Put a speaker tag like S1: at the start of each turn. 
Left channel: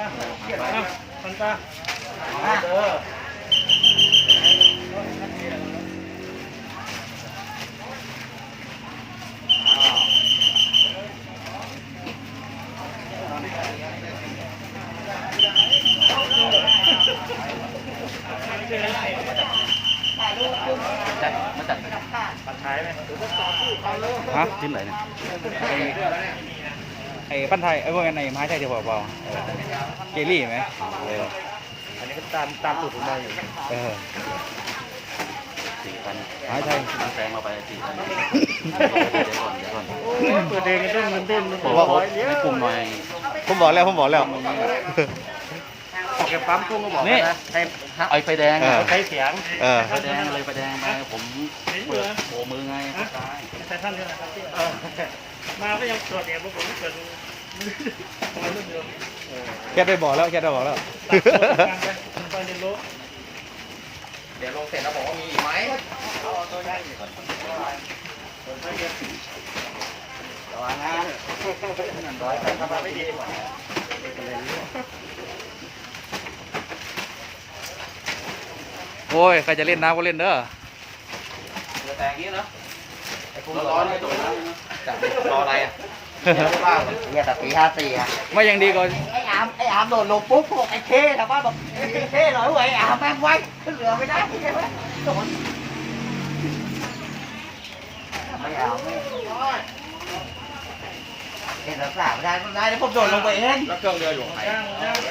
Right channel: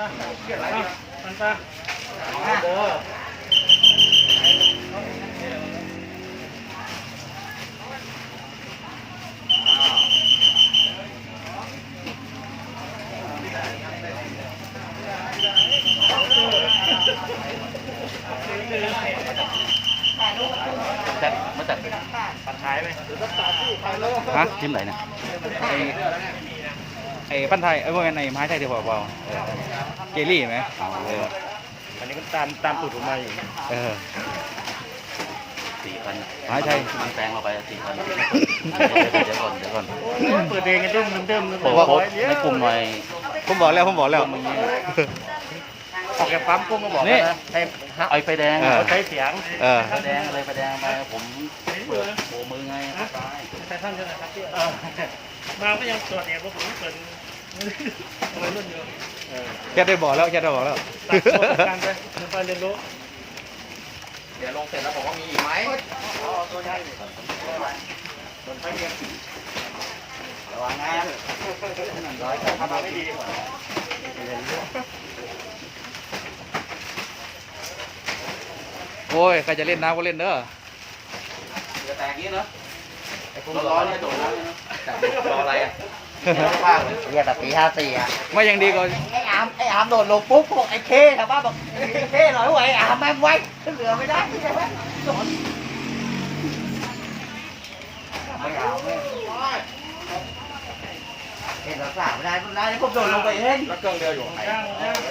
S1: มันตา
S2: เด้อ
S1: หาย ไหม
S3: ฮะทีมไหนเนี่ยไอไอปั้นไทยไอ้พวกนั้นไอ้ไม้ไทยเดียวเปล่าๆเออเจลลี่ไหมเออ
S1: อันนี้ก็ตามตามสูตรผมมาอยู่
S3: เออ
S2: สี่พัน
S3: ไม้ไทย
S2: แปลงเข้าไปสี่พันเดี๋ยวก่อนเดี๋ยวก่อน
S1: เปิดเองกันต้องเงินเต็ม
S2: ผมว่าในกลุ่มหน่อย
S3: ผมบอกแล้วผมบอกแล้ว
S1: ออก แกปั๊มต้องมาบอก
S3: นี่
S1: ให้
S2: ไอ้ไฟแดง
S3: เออ
S1: ใช้เสียง
S3: เออ
S2: ไฟแดงเลยไฟแดงไงผมโบมือไงตาย
S1: ใช้ท่านใช่ไหมมาก็ยังตรวจเนี่ยพวกผมเปิด
S3: แค่ได้บอกแล้วแค่ได้บอกแล้ว
S1: การไปการเรียนรู้
S2: เดี๋ยวลงเสร็จแล้วบอกว่ามีอีกไหม
S1: ทำมาไม่ดีกว่า
S3: โอ้ย ใครจะเล่นน้ำก็เล่นเด้อ
S2: จะแต่งนี้เนาะไอ้คุณร้อนเลยตรงนั้นแต่รออะไรอะว่างเรี
S4: ยกแบบปีห้าสี่อะ
S3: ไม่ยังดีกว่า
S4: ไอ้อามไอ้อามโดดลงปุ๊บบอกไอ้เคชาวบ้าบอกเคหน่อยไว้ไอ้อามแม่งไว้เหลือไม่ได้ใช่ไหมไม่เอาไม่เห็นหลับหลับได้ไม่ได้แล้วผมโดดลงไปเอง
S2: แล้วเครื่องเรืออยู่ไหน